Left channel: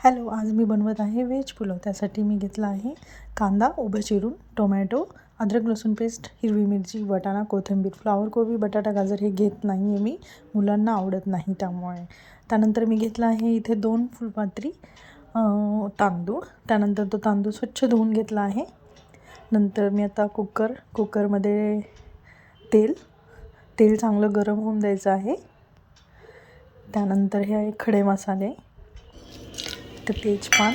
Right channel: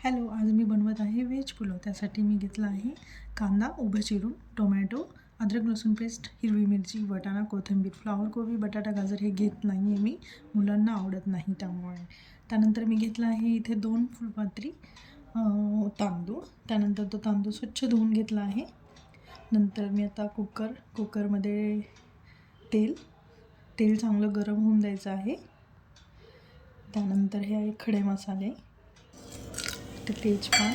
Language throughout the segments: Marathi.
हॅलो, आज मी बनवत आहे व्हेज पुलाव. त्यासाठी मी घेतला आहे कांदा उभं चिरून, टोमॅटो, अद्रक लसूण पेस्ट, हिरवी मिरची, वाटाणा, कोथिंबीर, फ्लावर कोबी, बटाटा, गाजर हे घेत नाही आहे मी, मुलांना आवडत नाही त्यामुळे. त्यानंतर मी घेतला आहे इथे 2 फुलपात्री तांदूळ. त्यानंतर तो तांदूळ स्वच्छ धुवून घेतला आहे. नंतर मी आता कुकरमध्ये तेल चांगलं गरम होऊन द्यायचं आहे. त्यानंतर हे आहे खडे मसाले, तेजपान,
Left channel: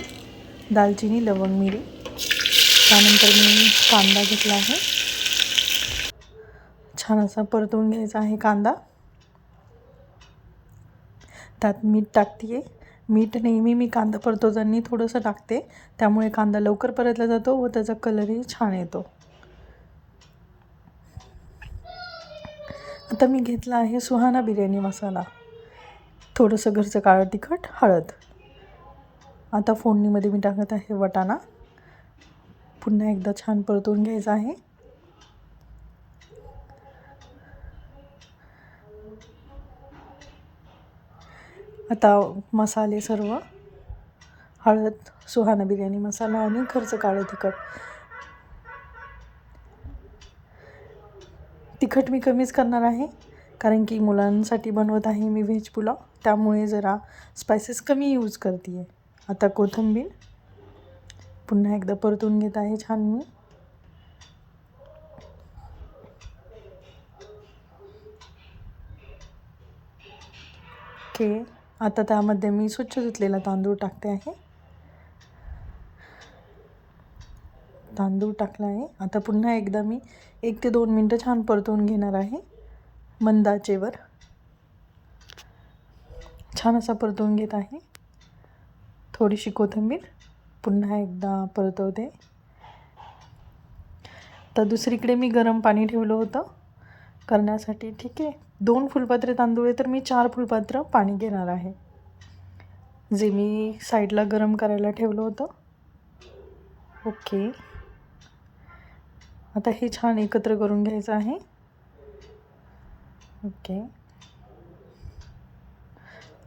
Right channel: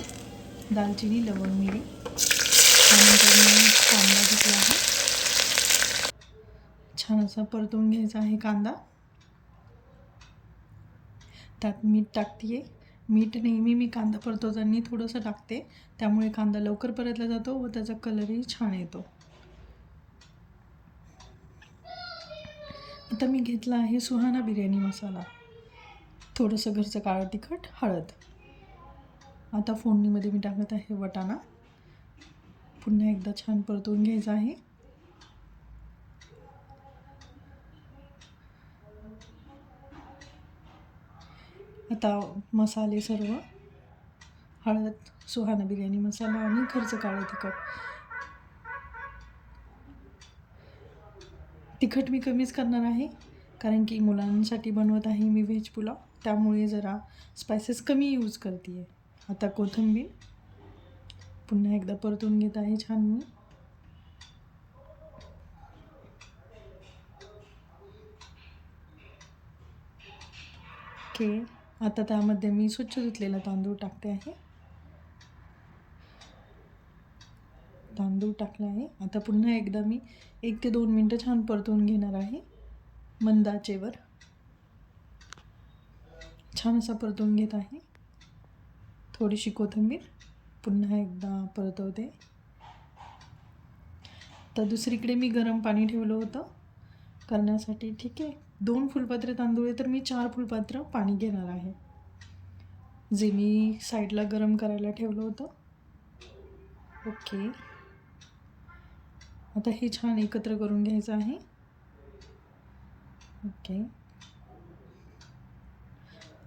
दालचिनी, लवंग, मिरी. त्यानंतर मी कांदा घेतला आहे, छान असा परतवून घ्यायचा आहे कांदा. त्यात मीठ टाकते. मीठ नेहमी मी कांदा परतवताना थोडंसं टाकते, त्यामुळे कांदा लवकर परतला जातो व त्याचा कलरही छान येतो. आता मी घेतला आहे सुहाना बिर्याणी मसाला, थोडंसं घरचं काळं तिखट, हळद. आता फोडणीमध्ये मी टाकत आहे वाटाणा, पुन्हा एकदा छान परतवून घ्यायचं आहे. आता मसाले सर्व, हळद, सुहाना बिर्याणी मसाला आणि घरचं काळं तिखट मी कमीच करणार आहे, कारण की मुलांसाठी बनवत आहे मी व्हेज पुलाव, त्यामुळे जरा स्पायसेस कमी यूज करते आहे. आता कोथिंबीर पुन्हा एकदा परतून घेत आहे छान मी. ओके, आता त्यामध्ये मी स्वच्छ धुतलेला तांदूळ टाकते आहे. तांदूळ टाकला आहे. आता पुन्हा एकदा मी 1 ते 2 मिनटं छान परतवून घेणार आहे मंद आचेवर. छान असा परतवून घेत आहे. थोडीशी कोथिंबीर पुन्हा एकदा परतवते. तर दुसरीकडे मी गरम पाणी ठेवलं होतं करण्यासाठी. ठीक आहे, 2 फुलपात्रे तांदूळ आहे तर मी 4 फुलपात्र पाणी घेणार आहे, जे मी साईडला गरम करायला ठेवलं होतं. ओके, आता हे छान एकत्र करून घ्यायचं आहे. ओके,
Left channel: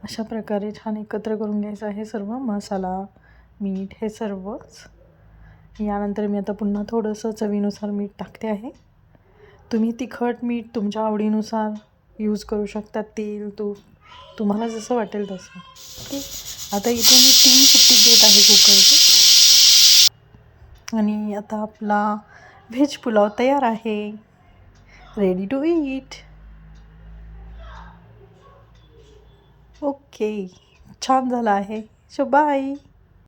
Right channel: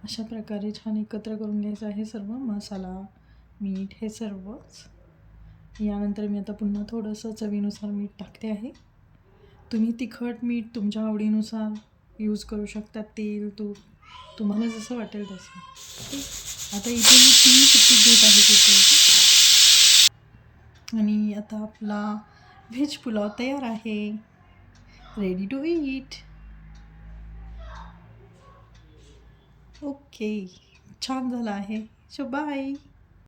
अशा प्रकारे छान एकत्र करून घ्यायचं आहे सर्व मसाला, मीठ हे सर्वच. यानंतर मी आता पुन्हा थोडंसं चवीनुसार मीठ टाकते आहे. तुम्ही तिखट मीठ तुमच्या आवडीनुसार यूज करू शकता, तेल तूप तुम्हाला जसं वाटेल तसं. ओके, आता इथे मी 3 शिट्टी घेत आहे कुकरची, आणि आता आपला व्हेज पुलाव तयार आहे, रेडी टू ईट. ओके, छान झाला आहे. So bye.